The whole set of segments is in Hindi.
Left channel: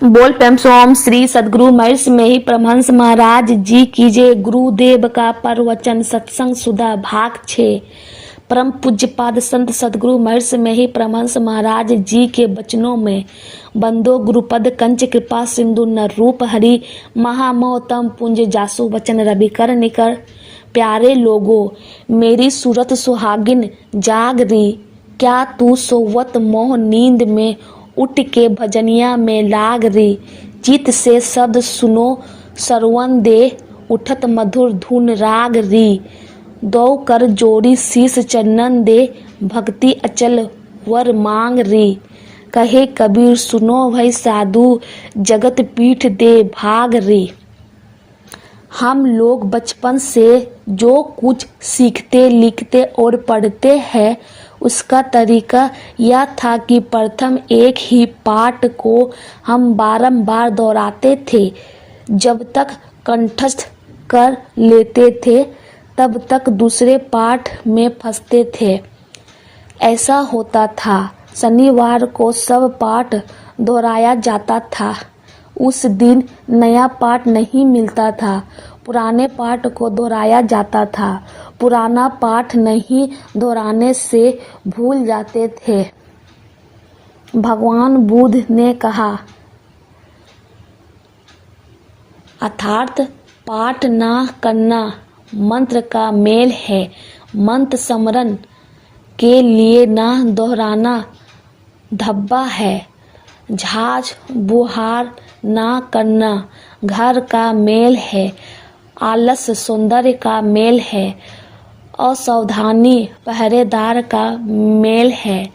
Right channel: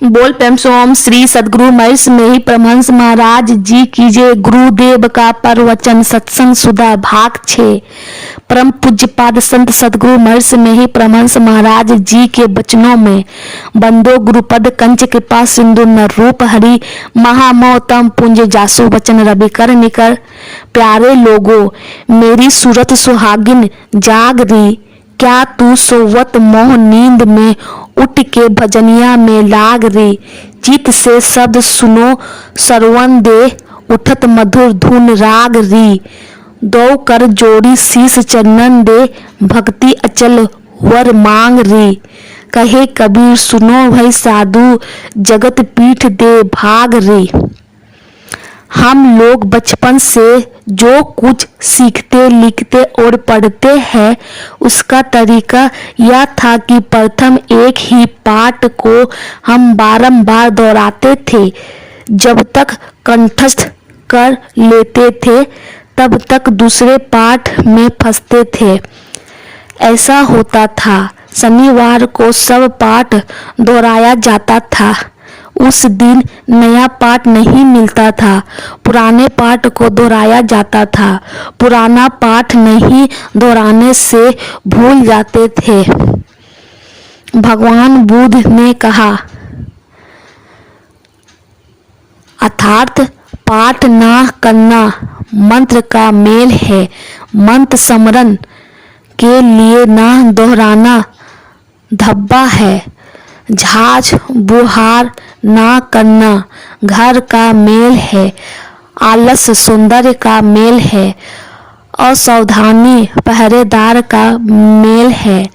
बोल प्रेम से ओम श्री सदगुरु महर्षि में ही परमहंस महाराज जी की जय। गुरुदेव का प्रवचन सत्संग सुधा भाग 6। परम पूज्यपाद संत सदगुरु महर्षि में ही परमहंस महाराज जी के वचनों में बंदो गुरुपद कंच कृपा सिंधु न रूप हरि महामोतम पुंज जासु वचन रवि कर निकर। प्यारे लोगों, मेरी सूरत सुहागिन जाग रही, क्या तू सोवत मोह नींद में उठ के भजनिया में लाग रे। चित से शब्द सुनो सरवन दे, उठत मधुर धुन राग री। दो कर जोड़ी शीस चरणन दे, भक्ति अचल वर मांग री। कहे कबीर सुनो भाई साधु, जगत पीठ दे भाग रे। हम लोग बचपन से जो कुछ सीखते लिखते और पढ़ते हैं, उसका तरीका यह था कि प्रथम एक ही पाठ को हम बारंबार दोहराते थे। जब तक कंठस्थ कर लेते थे तब तक दूसरे पाठ में फंसते थे। ऐसा होता था। शनिवार को सब पाठ दोहराया जाता था। उस दिन नया पाठ नहीं मिलता था, पुराने पाठ को दोहराया जाता था। पुराना पाठ नहीं दोहराने से भूल जाते थे। भगवान बुद्ध ने कहा, अर्थात पाठ ना करना मंत्र का मेल है। मंत्र स्मरण के लिए ना दोहराना धब्बा है। झाज बुहार ना करना घर का मेल है। आलस सौंदर्य का मेल है। असावधानी पहरेदार का मेल है।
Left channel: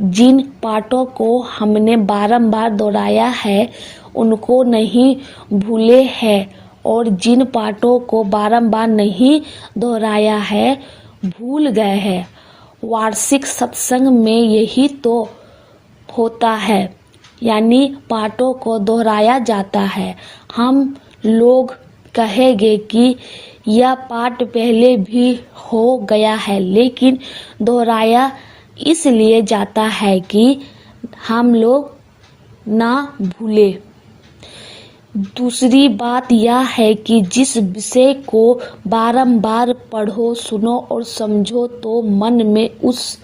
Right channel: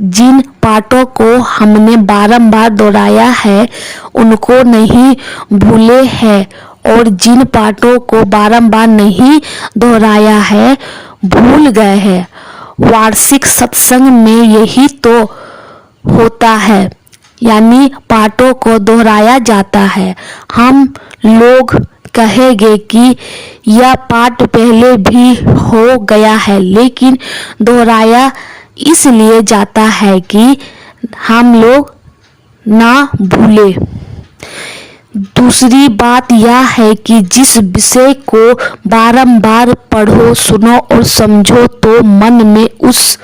जिन पाठों को हमने बारंबार दोहराया है उनको नहीं भूले हैं, और जिन पाठों को बारंबार नहीं दोहराया है भूल गए हैं। वार्षिक सत्संग में यही तो होता है, यानी पाठों को दोहराया जाता है। हम लोग कहेंगे कि यह पाठ पहले भी हो गया है, लेकिन दोहराया इसलिए जाता है कि हम लोग ना भूले। दूसरी बात यह है कि जिस विषय को बारंबार पढ़ो, सुनो और समझो तो मन में उस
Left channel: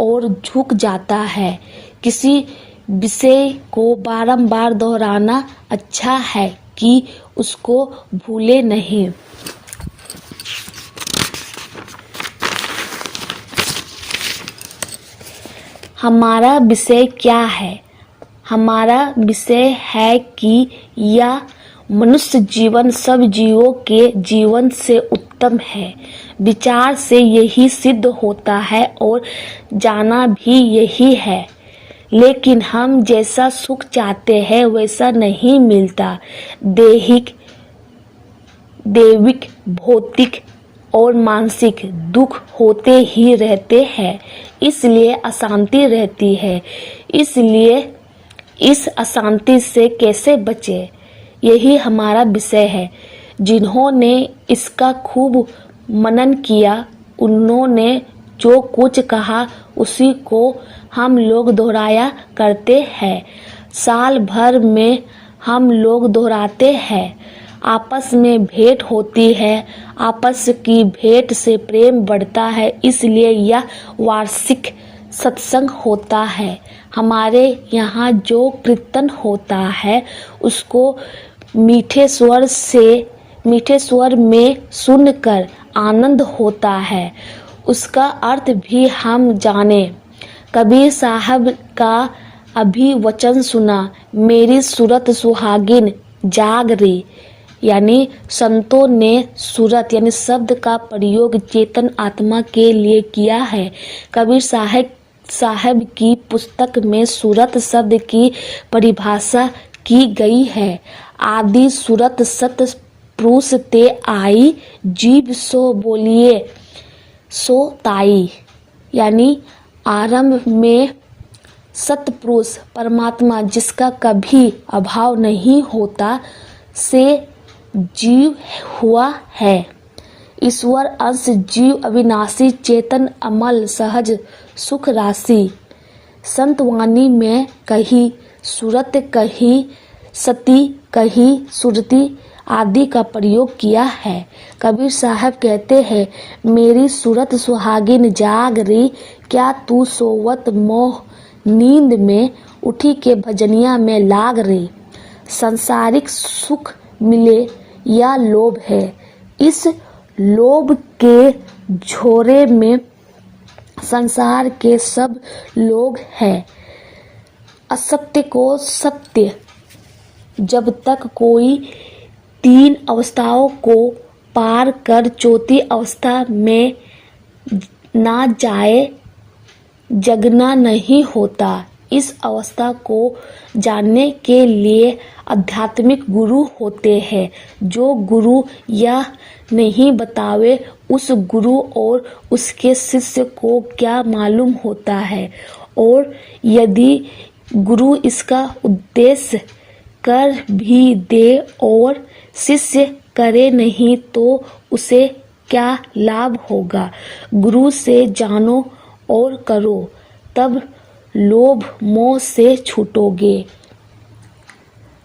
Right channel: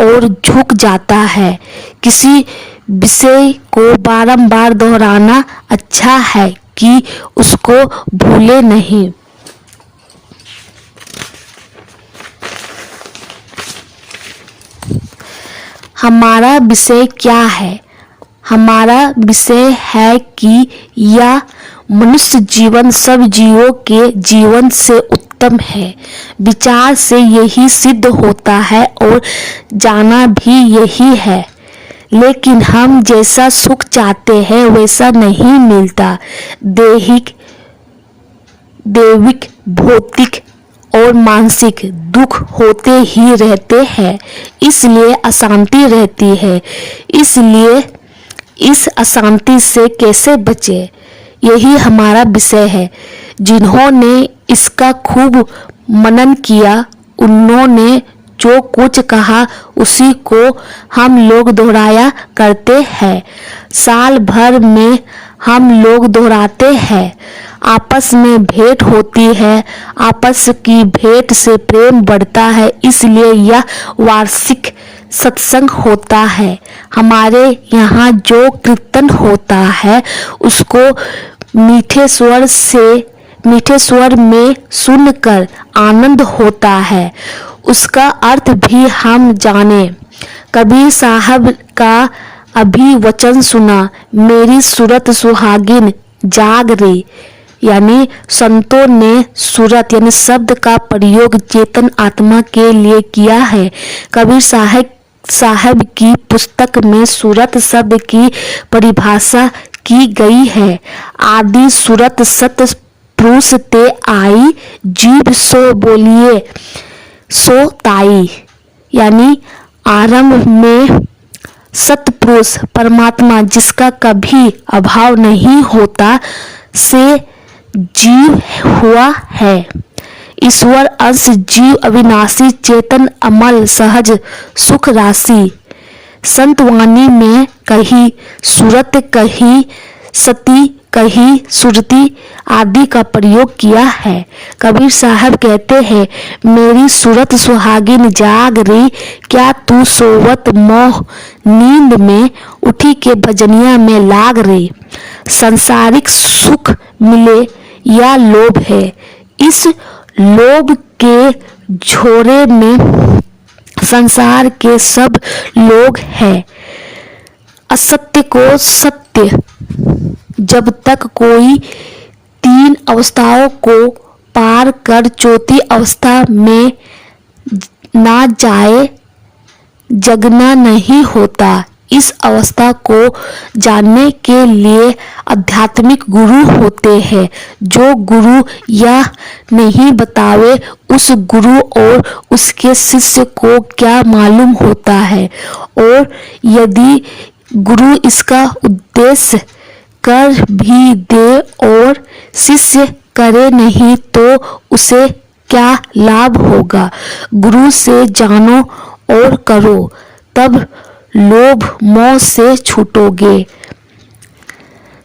ओर झुक जाता है। किसी विषय को बारंबार दोहराना अच्छा है कि उसको भूले नहीं। हमारा विषय क्या है? हमारा विषय है कि यह मनुष्य जीवन सब जीवों के जीवन से उत्तम है। विचार से यही सिद्ध होता है और जाना भी यही है। लेकिन हम जैसा सुख चाहते हैं वैसा नहीं मिलता। दैविक, भौतिक और मानसिक दुख होते ही रहते हैं, इसलिए अशांति रहती है। इसलिए इस अशांति से कैसे बचे, यही हमारा विषय है। जिन्होंने इसका खूब मनन किया, उन्होंने जो कुछ कहा उसी को हम लोग दोहराया करते हैं। साल भर में हम लोग दोहराते हैं। आपस में भेंट होती है। आपस की भेंट से प्रेम बढ़ता है, इसलिए यह वार्षिक सत्संग होता है। हमारे यहाँ जो कीर्तन होता है उसको मीठे स्वर में सुनकर आनंद होता है। उसका अर्थ भी हम जाने। कबीर साहब का अभी वचन सुना, मेरी सूरत सुहागिन जाग रही। यानी संतों ने सूरत यानी शब्द का प्रयोग चेतन आत्मा के लिए किया है। कबीर साहब की पुस्तक में सूरत शब्द की परिभाषा की गई है। आदि सूरत सत पुरुष ते आई, जीव सो बोलिए सो ताई। यानी आरंभ में सतपुरुष परमात्मा, जिसका कभी अभाव नहीं होता, से जीव हुआ है। ईश्वर अंश जीव अविनाशी चेतन अमल सहज सुख राशि। संतवाणी में कही सूरत कही सती, कही, सुरती आदि का प्रयोग किया है। कबीर साहब कहते हैं, मेरी सूरत सुहागिन जाग रही, क्या तू सोवत मोह नींद में, उठी के भजनिया में लाग रही। सांसारिक सुख मिले या लोभ है, इस लोभ के झोरे में संसार के सब लोग हैं। असत्य को सत्य, जब तक कोई तीन अवस्थाओं को पार कर चौथी अवस्था में ना जाए, जगना नहीं होता। इस अवस्था को जानने के लिए आध्यात्मिक गुरु होते हैं। जो गुरु यह नहीं बतावे, उस गुरु और उसके शिष्य को क्या मालूम होता है। और यदि गुरु इसका उद्देश्य कर भी दे और शिष्य करे नहीं, तो उसे क्या लाभ होगा। गुरु से जानो और करो, तब लोभ मोह से छूटोगे।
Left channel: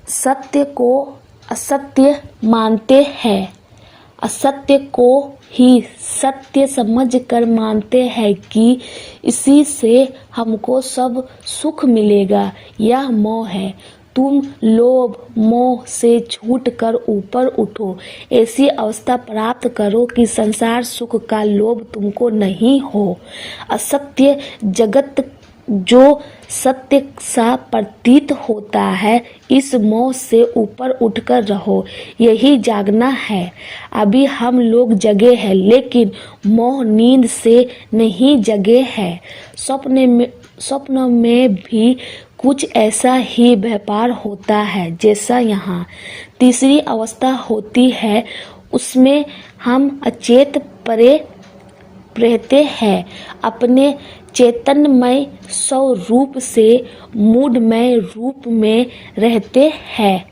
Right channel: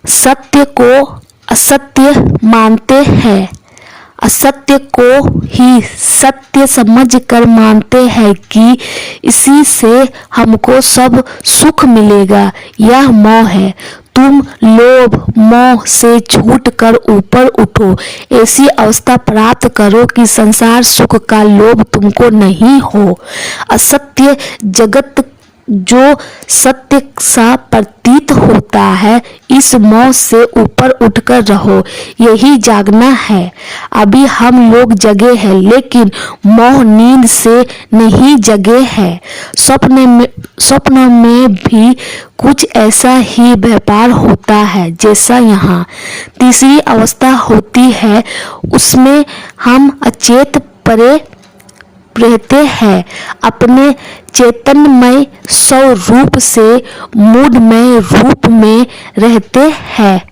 सत्य को असत्य मानते हैं, असत्य को ही सत्य समझकर मानते हैं कि इसी से हमको सब सुख मिलेगा। यह मोह है। तुम लोभ मोह से छूट कर ऊपर उठो, ऐसी अवस्था प्राप्त करो कि संसार सुख का लोभ तुमको नहीं हो। असत्य जगत जो सत्य सा प्रतीत होता है, इस मोह से ऊपर उठकर रहो, यही जागना है। अभी हम लोग जगे हैं, लेकिन मोह नींद से नहीं जगे हैं। स्वप्न में भी कुछ ऐसा ही व्यापार होता है जैसा यहाँ। तीसरी अवस्था होती है, उसमें हम अचेत परे रहते हैं, अपने चैतन्यमय स्वरूप से मूढ़मय रूप में रहते हैं।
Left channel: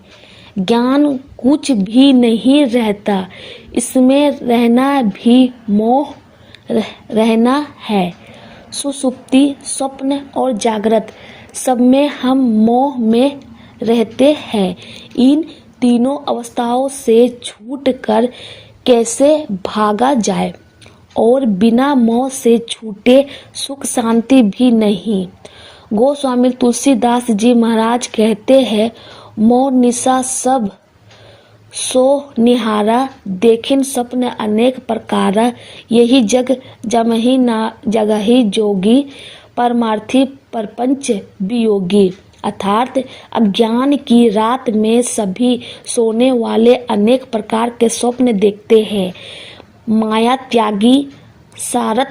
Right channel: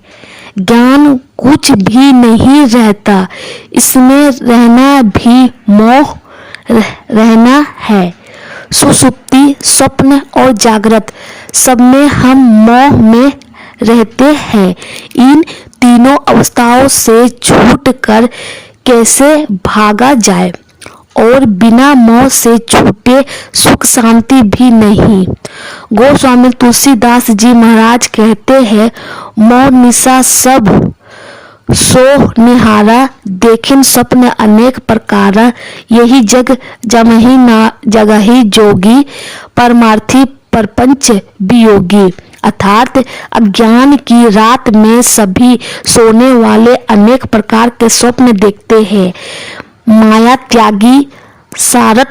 ज्ञान कुछ भी नहीं रहता, इसमें रहना भी मोह रहना है। सुषुप्ति, स्वप्न और जागृत, सब में हम मोह में रहते हैं। इन तीनों अवस्थाओं से छूटकर कैसे भागा जाए, और बिना मोह से छूटे सुख शांति भी नहीं। गोस्वामी तुलसीदास जी महाराज कहते हैं, मोह निशा सब सो निहारा, देखिन स्वप्न अनेक प्रकारा, यही जग जमहि ना जगहि जोगी, परमार्थी प्रपंच वियोगी। अर्थात अज्ञान की रात में सभी सोने वाले अनेक प्रकार के स्वप्न देखते हैं। माया त्यागी सार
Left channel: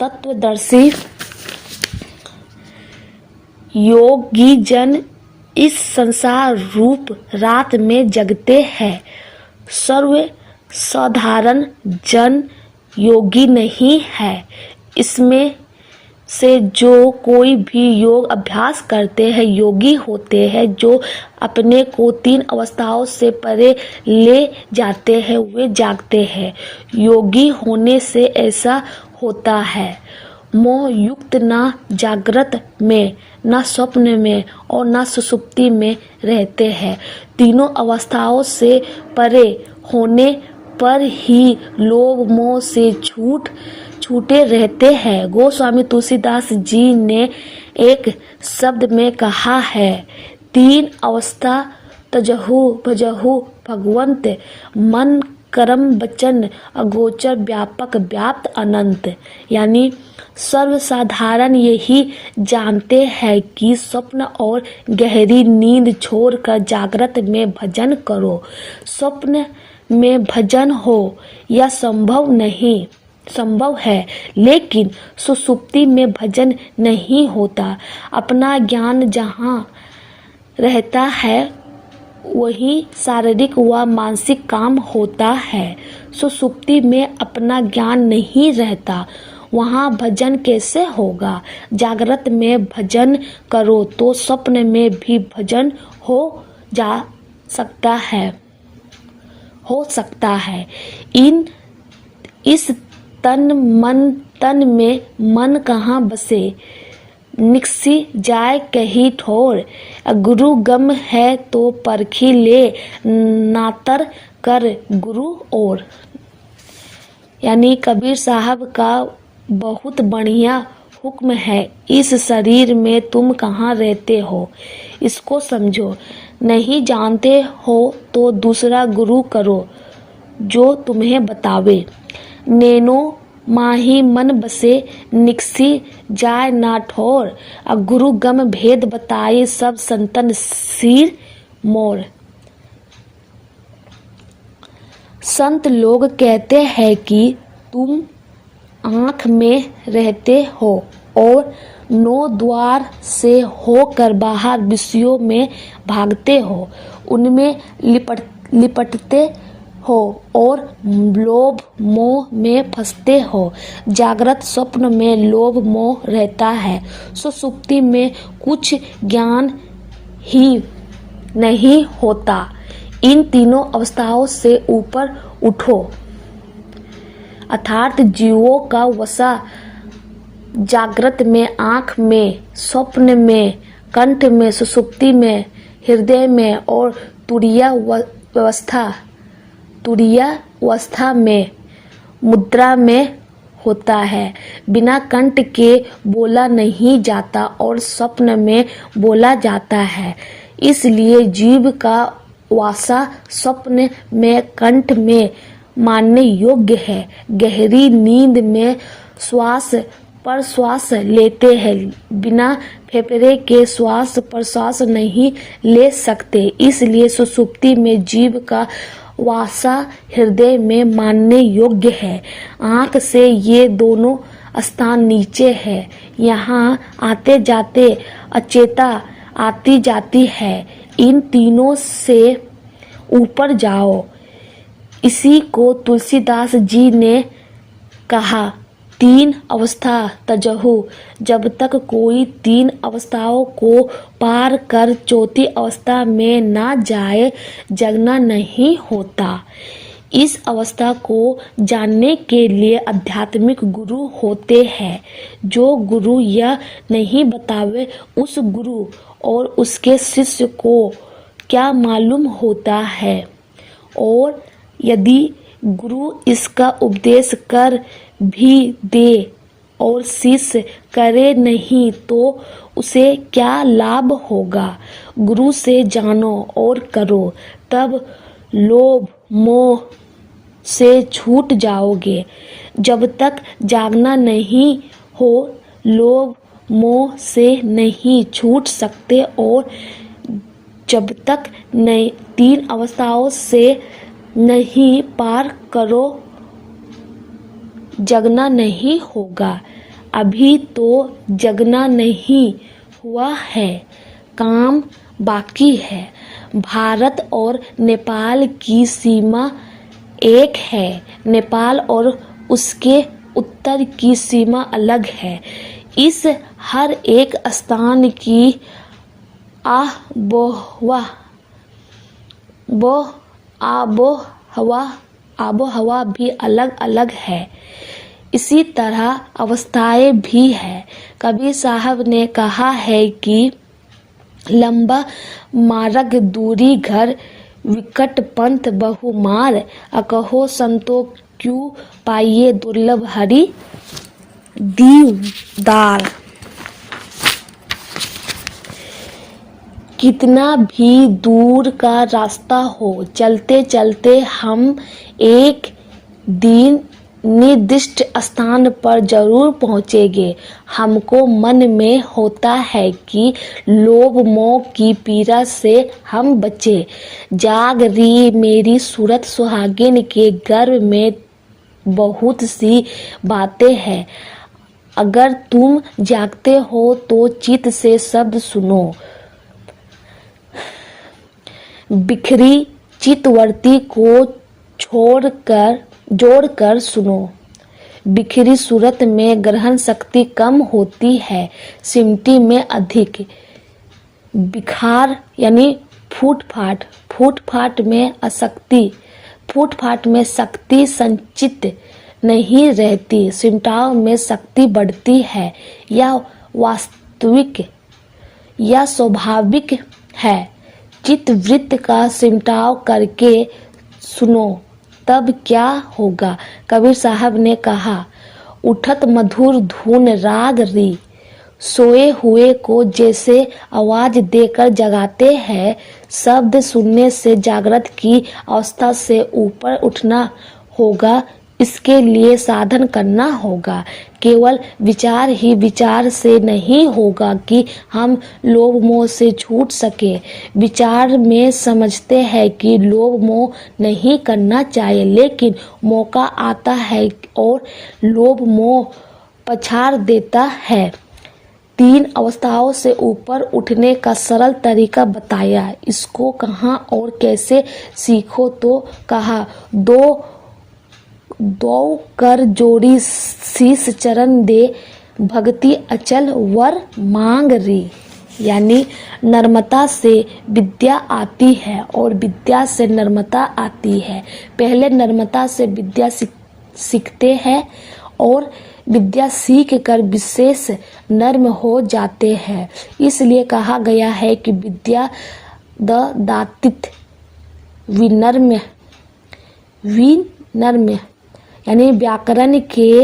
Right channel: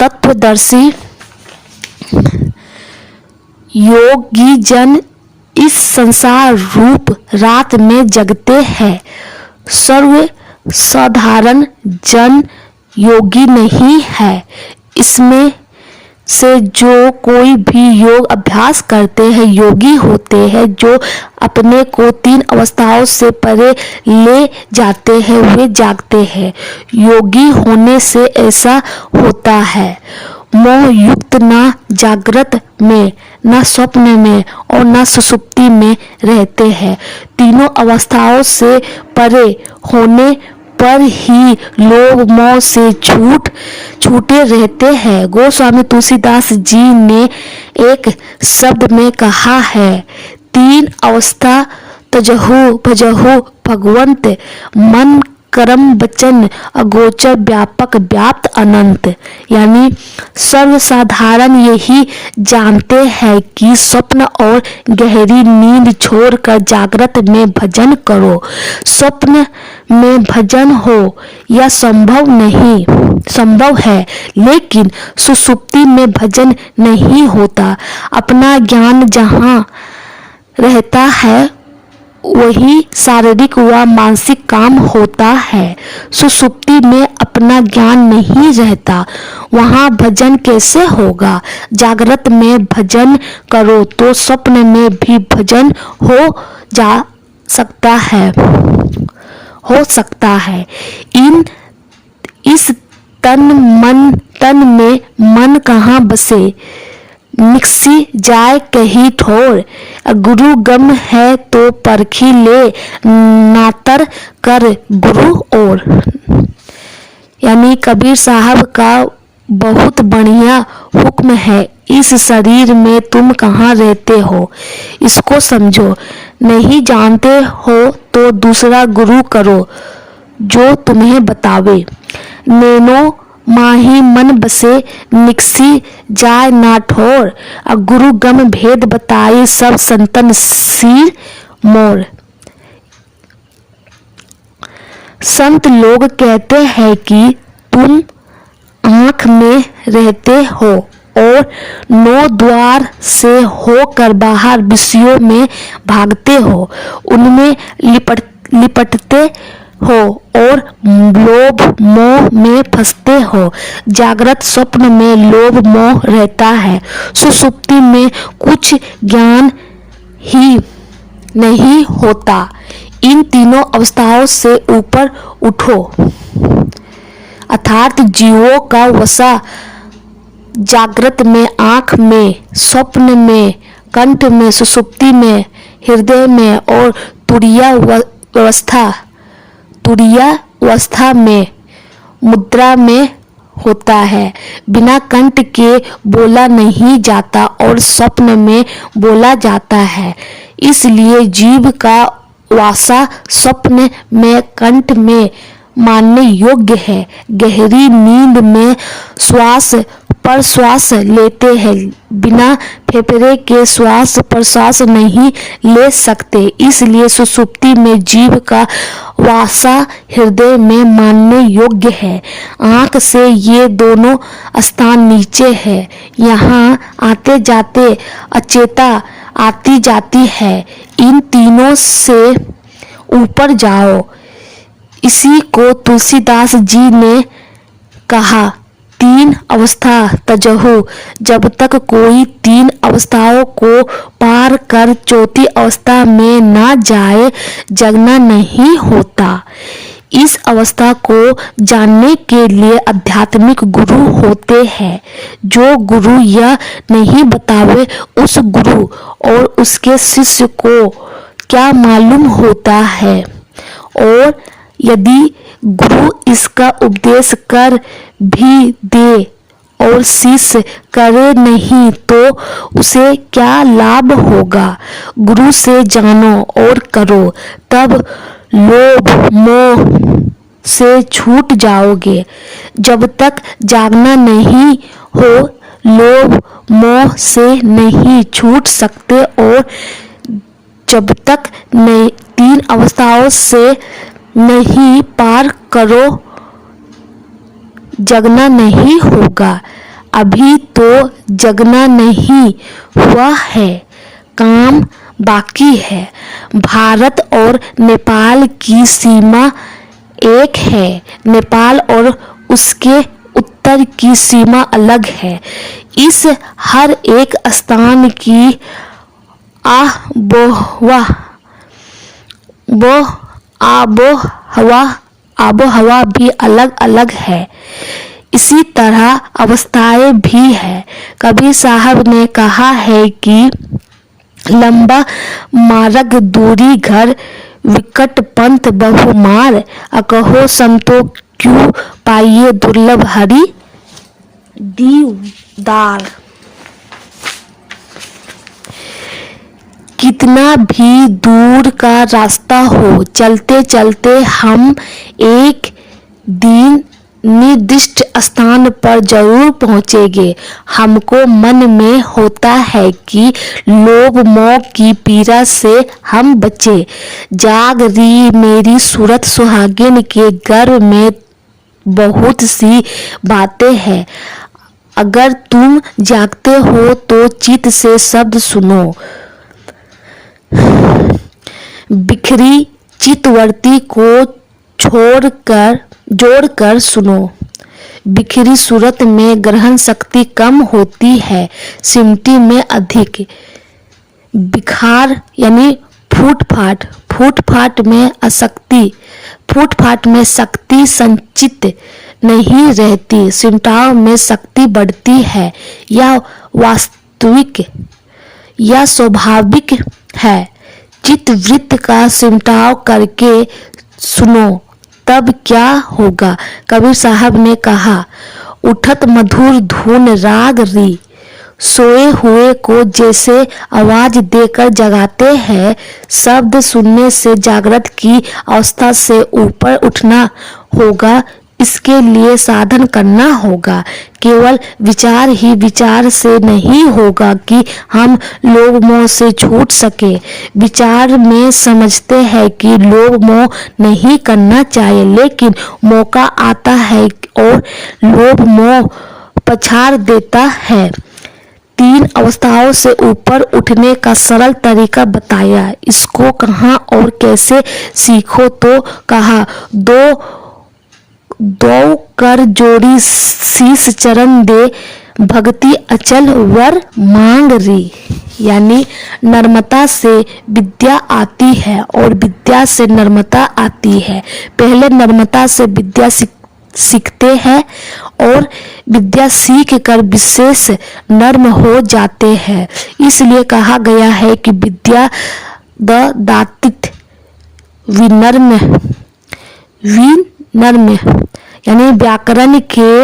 तत्वदर्शी योगी जन इस संसार रूप रात में जगते हैं। सर्व साधारण जन योगी नहीं है। इसमें से जो कोई भी योग अभ्यास करते हैं योगी होते हैं। जो अपने को तीन अवस्थाओं से परे ले जाते हैं वे जागते हैं। योगी होने से ऐसा होता है, मोह युक्त न जागृत में, न स्वप्न में और न सुषुप्ति में रहते हैं। तीनों अवस्थाओं से परे होने पर ही लोभ मोह से छूटे रहते हैं। गोस्वामी तुलसीदास जी ने एक शब्द में कहा है, तीन अवस्था तजहु भजहु भगवंत, मन कर्म वचन अगोचर व्यापक व्याप्त अनंत। यानी सर्वसाधारण यही जानते हैं कि स्वप्न और गहरी नींद छोड़कर जागृत में भजन करो। स्वप्न में भजन हो यह संभव है, लेकिन सुषुप्ति में भजन नहीं होता। अपना ज्ञान जहाँ रहता है वही शारीरिक व मानसिक काम होता है। सुषुप्ति में अपना ज्ञान नहीं रहता, वहाँ भजन कैसे होगा। जागृत में भजन करो तो स्वप्न में भी भजन हो सकता है। इस तन में मन कहाँ बसे, निकसी जाए कही ठोर, गुरु गम है तो परखी ले, नातर कर गुरु और। यानी कबीर साहब का बहुत बढ़िया हुक्म है, इस शरीर में तुम कहाँ रहते हो इसको समझो, नहीं जानते हो तो दूसरा गुरु करो जो तुम्हें बतावे। नैनो माही मन बसे निकसी जाय ना ठोर, गुरु गम भेद बताए सब संतन सिर मोर। संत लोग कहते हैं कि तुम आँख में रहते हो और 9 द्वार से होकर बाहर विषयों में भागते हो, उनमें लिपटते हो और लोभ मोह में फंसते हो। जागृत स्वप्न में लोभ मोह रहता है, सुषुप्ति में कुछ ज्ञान ही नहीं होता। इन तीनों अवस्थाओं से ऊपर उठो, अर्थात जीवों का वसा जागृत में, आँख में, स्वप्न में, कंठ में, सुषुप्ति में, हृदय में और तुरीय अवस्था में, मुद्रा में होता है। बिना कंठ के बोला नहीं जाता और स्वप्न में बोला जाता है, इसलिए जीव का वासा स्वप्न में, कंठ में मानने योग्य है। गहरी नींद में श्वास प्रश्वास लेते हैं, बिना फेफड़े के श्वास प्रश्वास नहीं ले सकते, इसलिए सुषुप्ति में जीव का वासा हृदय में मानने योग्य है। आँख से ये दोनों स्थान नीचे है, यहाँ आते जाते अचेता आती जाती है, इन तीनों से ऊपर जाओ। इसी को तुलसीदास जी ने कहा, 3 अवस्था तजहु, जब तक कोई 3 अवस्थाओं को पार कर चौथी अवस्था में ना जाए जगना नहीं होता। इस अवस्था को जानने के लिए आध्यात्मिक गुरु होते हैं। जो गुरु यह नहीं बतावे उस गुरु और उसके शिष्य को क्या मालूम होता है, और यदि गुरु इसका उपदेश कर भी दे और शिष्य करे नहीं तो उसे क्या लाभ होगा। गुरु से जानो और करो, तब लोभ मोह से छूट जाओगे। जब तक जागना नहीं हो लोभ मोह से नहीं छूट सकते, और जब तक 3 अवस्थाओं से नहीं पार करो जगना नहीं होगा। अभी तो जगना नहीं हुआ है, काम बाकी है। भारत और नेपाल की सीमा एक है, नेपाल और उसके उत्तर की सीमा अलग है। इस हर एक स्थान की आबोहवा भी अलग अलग है। इसी तरह अवस्थाएं भी है। कबीर साहब ने कहा है कि लंबा मार्ग दूरी घर, विकट पंथ बहुमार, अकहो संतो क्यों पाइए दुर्लभ हरि दीदार। कितना भी दूर का रास्ता हो, चलते चलते हम एक दिन निर्दिष्ट स्थान पर जरूर पहुँचेंगे। हमको मन में होता है कि लोभ मोह की पीड़ा से हम बचे। जाग रही मेरी सूरत सुहागिन के गर्भ में बहुत सी बातें हैं। अगर तुम जागते हो तो चित्त से शब्द सुनो। बिखरी चित्तवृत्ति को जोड़कर सुनो। बिखरी सूरत में ग्रहण शक्ति कम होती है, सिमटी में अधिक। बिखार यानी फूट-फाट में अशक्ति, फूट-फाट में शक्ति संचित नहीं रहती, सिमटाव में शक्ति बढ़ती है। यह वास्तविक या स्वाभाविक है। चित्तवृत्त का सिमटाव करके सुनो, तब क्या होगा। कबीर साहब ने कहा, उठत मधुर धुन राग री, सोए हुए को जैसे आवाज देकर जगाते हैं, शब्द सुनने से जागृत की अवस्था से ऊपर उठना होगा। इसके लिए साधन करना होगा। केवल विचार ही विचार से नहीं होगा कि हम लोभ मोह से छूट सके। विचार में समझते हैं कि लोभ मोह नहीं करना चाहिए, लेकिन मौका आता है और लोभ मोह पछाड़ देता है। 3 अवस्थाओं से ऊपर उठने का सरल तरीका बताया। इसको कहाँ और कैसे सीखो, तो कहा, दो कर जोड़ी शीश चरण दे, भक्ति अचल वर मांग री। यानी नर्मता से विद्या आती है और विद्या से नर्मता आती है। पहले नर्मता से विद्या सीखते हैं और विद्या सीख कर विशेष नर्म हो जाते हैं। इसलिए कहा गया है कि विद्या दातित विनर्म। यानी व्याकरण के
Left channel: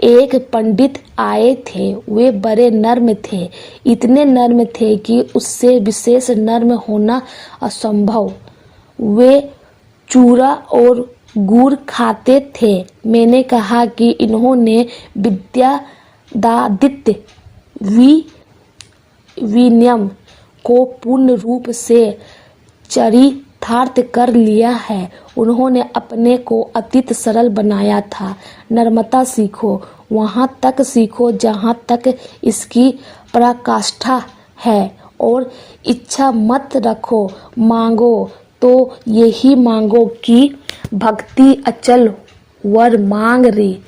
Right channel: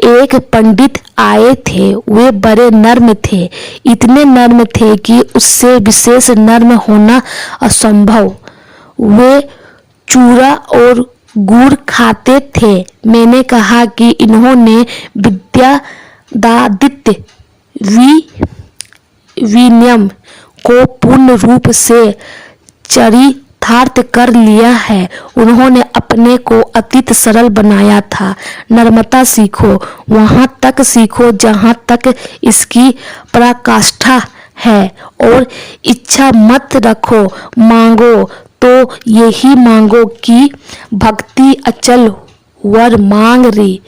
एक पंडित आए थे, वे बड़े नर्म थे, इतने नर्म थे कि उससे विशेष नर्म होना असंभव। वे चूरा और गुड़ खाते थे। मैंने कहा कि इन्होंने विद्यादादित्य विनियम को पूर्ण रूप से चरितार्थ कर लिया है। उन्होंने अपने को अतीत सरल बनाया था। नर्मता सीखो, वहाँ तक सीखो जहाँ तक इसकी पराकाष्ठा है, और इच्छा मत रखो, मांगो तो यही मांगो कि भक्ति अचल वर मांग री।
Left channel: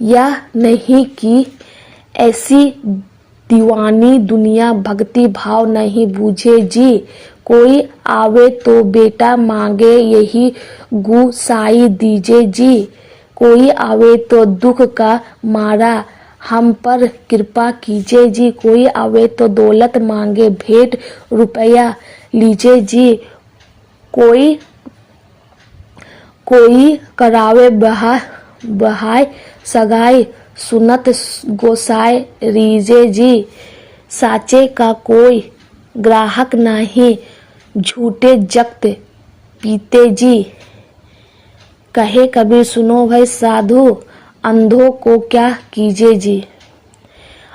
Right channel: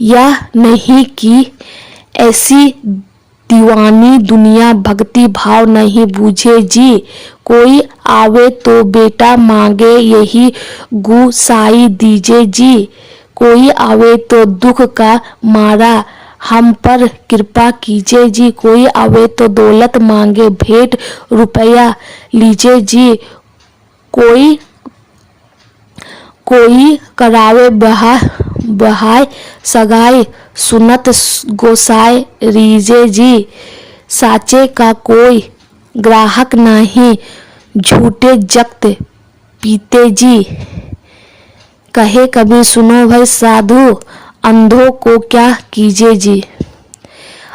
यह नहीं कि ऐसी दीवानी दुनिया भक्ति भाव नहीं बूझे जी। कोई आवे तो बेटा मांगे, यही गुसाई दीजे जी। कोई आवे तो दुख का मारा, हम पर कृपा कीजिए जी। कोई आवे तो दौलत मांगे, भेंट रुपया लीजिए जी। कोई करावे बहाय सगाई, सुनत गोसाई रीजे जी। साचे का कोई ग्राहक नहीं, झूठे जक्त पीते जी। कहे कभी सुनो भाई साधु, अंधों को क्या कीजिए जी।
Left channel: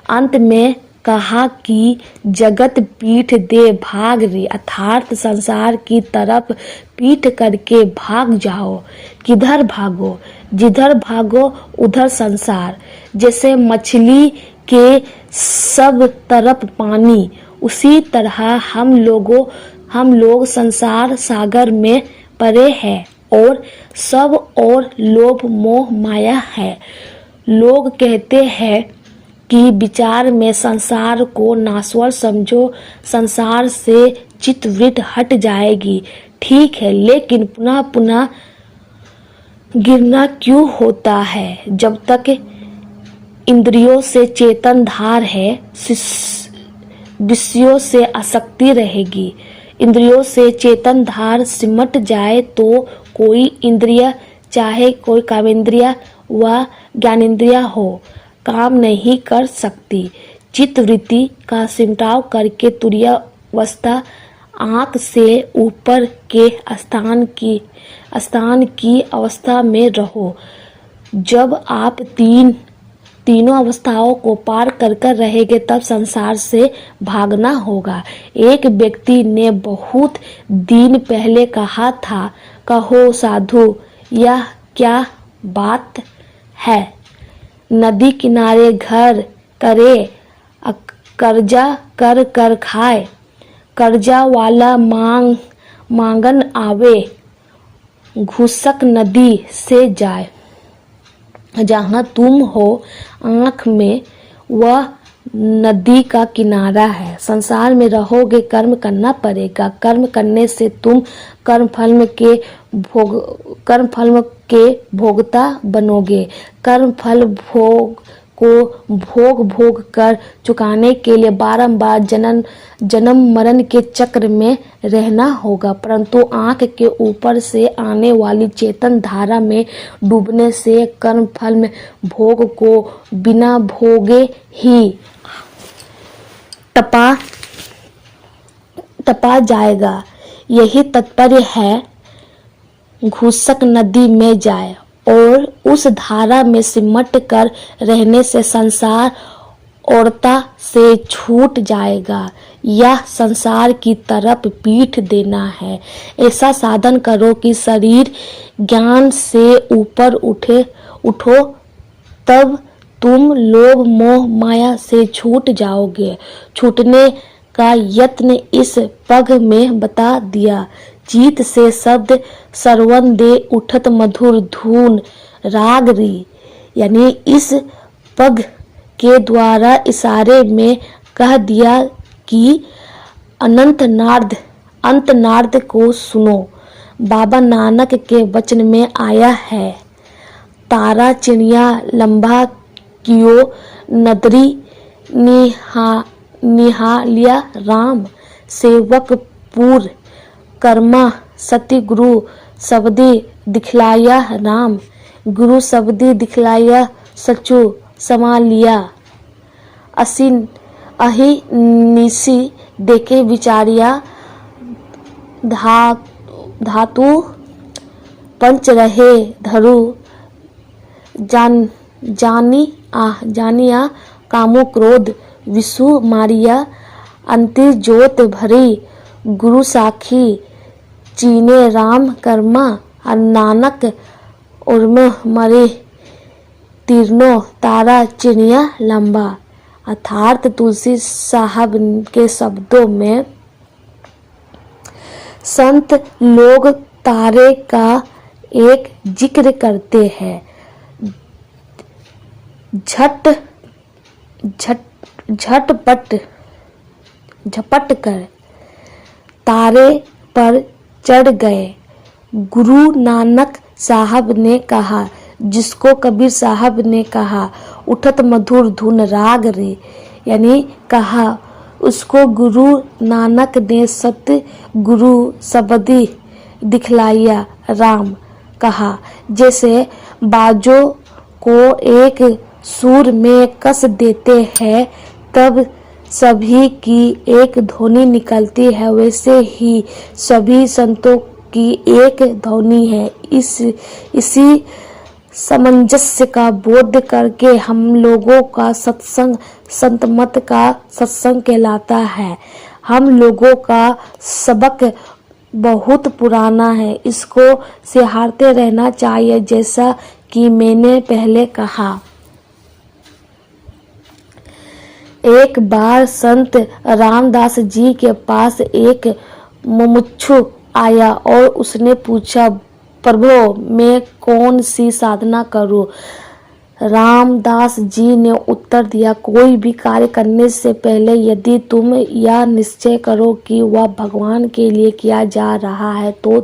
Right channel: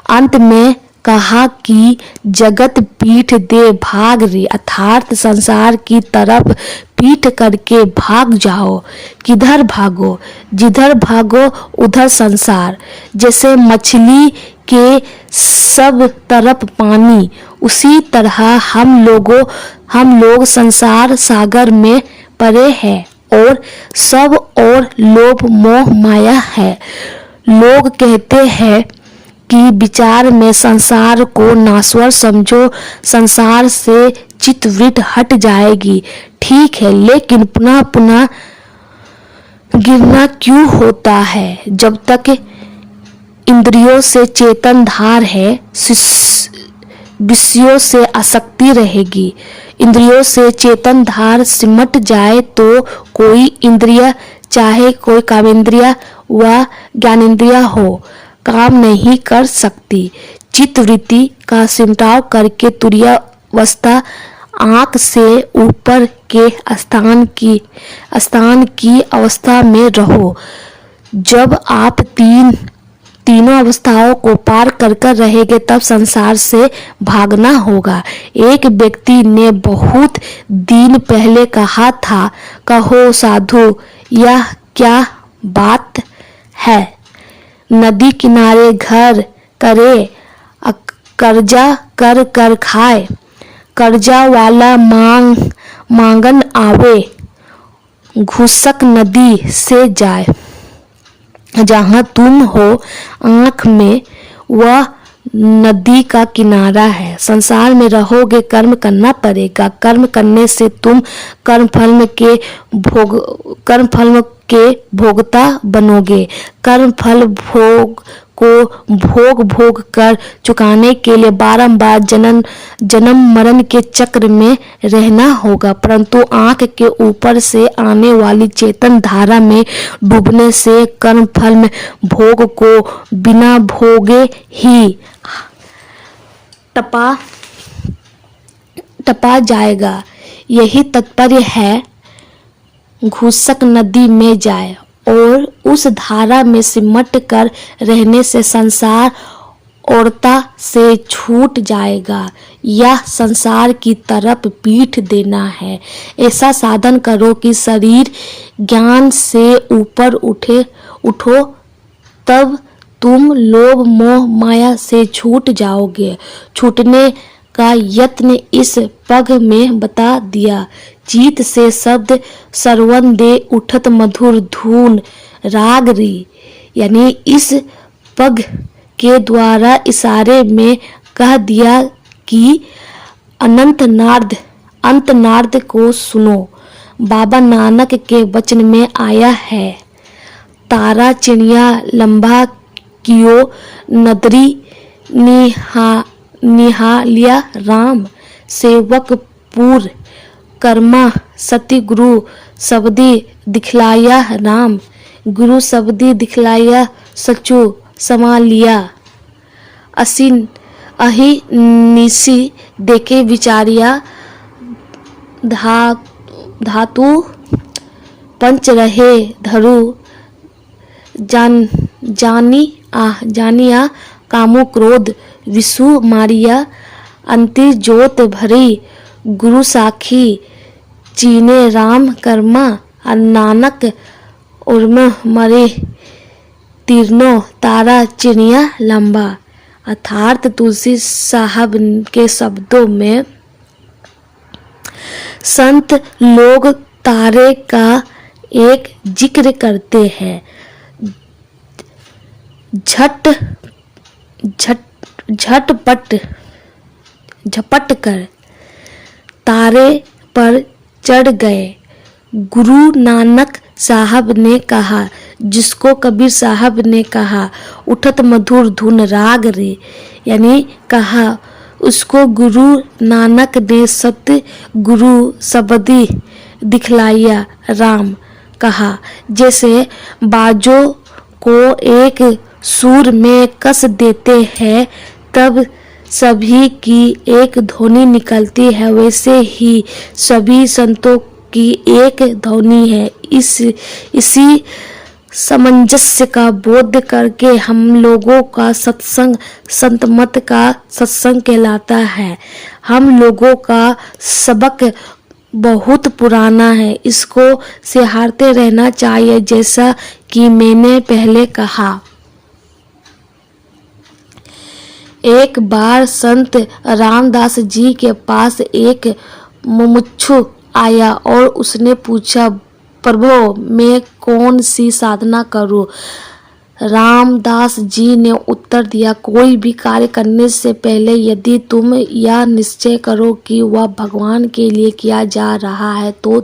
अंत में कहा कि जगत पीठ दे भाग रे, अर्थात संसार की तरफ पीठ करके भाग जाओ। किधर भागो? जिधर भागो उधर संसार। जैसे मछली के सब तरफ पानी, उसी तरह हम लोग संसार सागर में पड़े हैं और सब और लोभ मोह माया है। लोग कहते हैं कि विचार में संसार को नाश्वर समझो, संसार से चित्तवृत्ति हट जाएगी। ठीक है, लेकिन पुनः पुनः गिरना क्यों होता है? जब तक इंद्रियों से चेतन धार है, विषयों से आसक्ति रहेगी। इंद्रियों से चेतन धार सिमट जाए तो कोई इंद्रिय, चाहे कोई कामेंद्रिय व ज्ञानेंद्रिय हो, काम नहीं कर सकती। चित्तवृत्ति का सिमटाव करके तुरीयावस्था, आँख से ऊपर के स्थान की अवस्था में रहो। जब आप तीनों अवस्थाओं को पार कर रहेंगे, तब संसार से भागना होगा। एक व्यक्ति ने बहुत दिन पहले कहा था, कहो साधु, यह क्या बात है? नदी किनारे घर करे, कर्जा कर खाए। कर्जा वाला मांगन आवे, घुसक नदी से जाए। जहाँ तुम हो, आँख में वह नदी का किनारा है। संसार में रहोगे, कर्म करना पड़ेगा। कर्म करने से तुम कर्मफल के भोगता बनोगे। कर्मफल भोग को भोग भोग कर चुकाने के लिए बारंबार जन्म मरण के चक्र में रहना होगा। परंतु आंख के ऊपर से आने वाली चेतन धारा में डूबने से कर्म फल में भोग को बिना भोगे ही टपा जाएगा। यही तात्पर्य है। घुसक नदी में जाए और उस धारा में सिमट कर रहने से संसार औरता से छूट जाएगा। यह संसार की तरफ पीठ देना है। ऐसा साधन करो कि शरीर ज्ञान से ऊपर उठो, तब तुम लोभ मोह माया से छूट जाओगे। छूटने का यत्न इस पग में बता दिया। चित से शब्द सरवन दे उठत मधुर धून राग री, यानी इस पग के द्वारा इशारे में कह दिया कि अंत नाद को सुनो। बाबा नानक के वचन में आया है, तारा चिड़िया लंबा कियो नदरी निहालिया राम, सेवक पूर कर्मा सती गुरु सबदी दिखलाया राम, गुरु सबदी दिखलाया सचु समा लिया। अही निसी देखे विचारिया, धातु पंच रहे धरु, जानिया कामो क्रोध विषु मारिया, अंतिर जोत भरी गुरु साखी चीने राम कर्मा, नानक उर्म मरे तीर्नो तारा चिड़िया लंबा। अर्थात तुलसी साहब के शब्दों में संत लोग तारे का एक जिक्र करते हैं। झपट कर तारे पर चढ़ गए। गुरु नानक साहब ने कहा, जिसको कबीर साहब ने कहा उठत मधुर धुन राग रे, यानी कहा उसको गुरु नानक ने सत्य गुरु सबदी दिखलाया राम कहा। जैसे बाजों को एक सुर में कस देते हैं तब सभी की एक ध्वनि निकलती है, वैसे ही सभी संतों की एक ध्वनि है। इसी सामंजस्य का बोध करके हम लोगों का सत्संग संत मत का सत्संग कहलाता है। हम लोगों का सबक बहुत पुराना है, इसको सिहारते रहना चाहिए। जैसा कि मैंने पहले कहा, एक बार संत रामदास जी के पास एक मुमुक्षु आया और उसने पूछा, प्रभु मैं कौन सी साधना करूं? रामदास जी ने उत्तर दिया, कोई भी कार्य करने से पहले यदि तुम यह निश्चय करो कि वह भगवान के लिए किया जा रहा है तो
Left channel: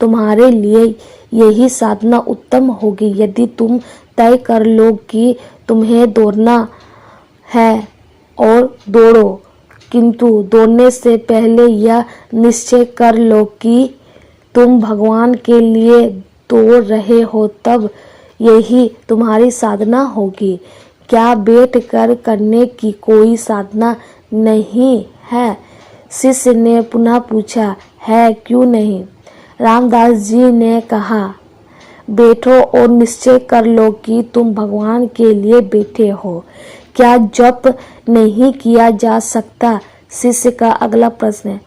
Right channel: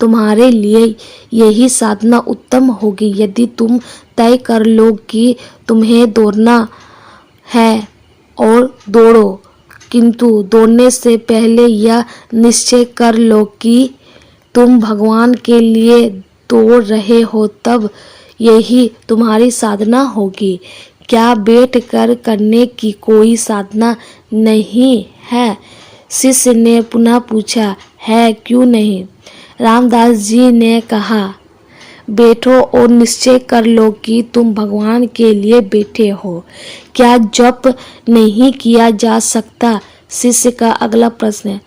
तुम्हारे लिए यही साधना उत्तम होगी। यदि तुम तय कर लो कि तुम्हें दौड़ना है और दौड़ो, किंतु दौड़ने से पहले यह निश्चय कर लो कि तुम भगवान के लिए दौड़ रहे हो, तब यही तुम्हारी साधना होगी। क्या बैठ कर करने की कोई साधना नहीं है? शिष्य ने पुनः पूछा, है क्यों नहीं? रामदास जी ने कहा, बैठो और निश्चय कर लो कि तुम भगवान के लिए बैठे हो। क्या जप नहीं किया जा सकता? शिष्य का अगला प्रश्न है।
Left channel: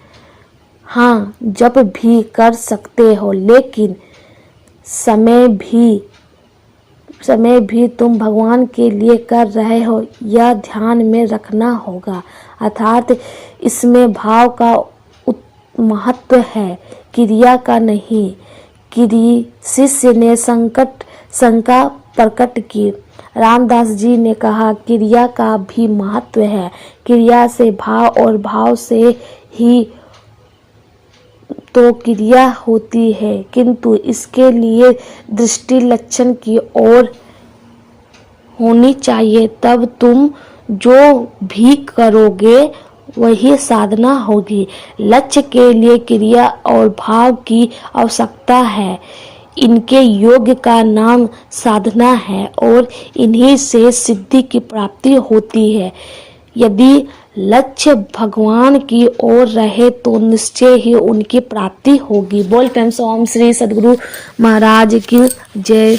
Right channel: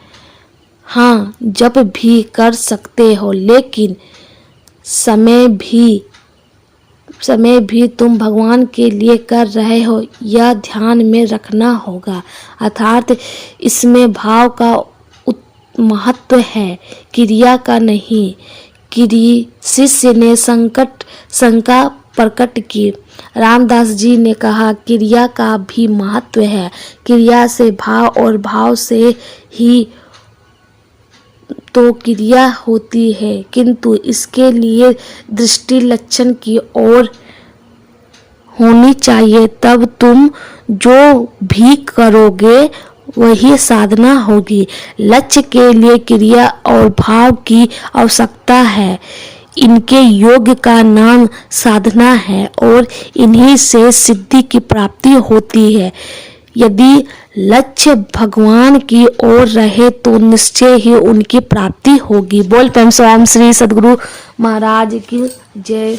हाँ, जप भी कर सकते हो, लेकिन समय भी तुम भगवान के लिए कर रहे हो, यह ध्यान में रखना होगा। अर्थात इसमें भाव का महत्व है, क्रिया का नहीं। शिष्य ने शंका प्रकट की। रामदास जी ने कहा, क्रिया का भी महत्व है। क्रिया से भाव और भाव से ही तो क्रिया होती है, किंतु इसके लिए दृष्टि लक्षण की ओर होनी चाहिए, तब तुम जो भी करोगे वही साधना होगी। लक्ष्य के लिए क्रिया और भाव की आवश्यकता है। इनके योग का नाम साधना है और इन्हीं से सिद्धि की प्राप्ति होती है। यदि लक्ष्य भगवान की ओर रहे तो निश्चय ही उनकी प्राप्ति होगी। बोल प्रेम स्वामी श्री सद्गुरु महाराज की जय।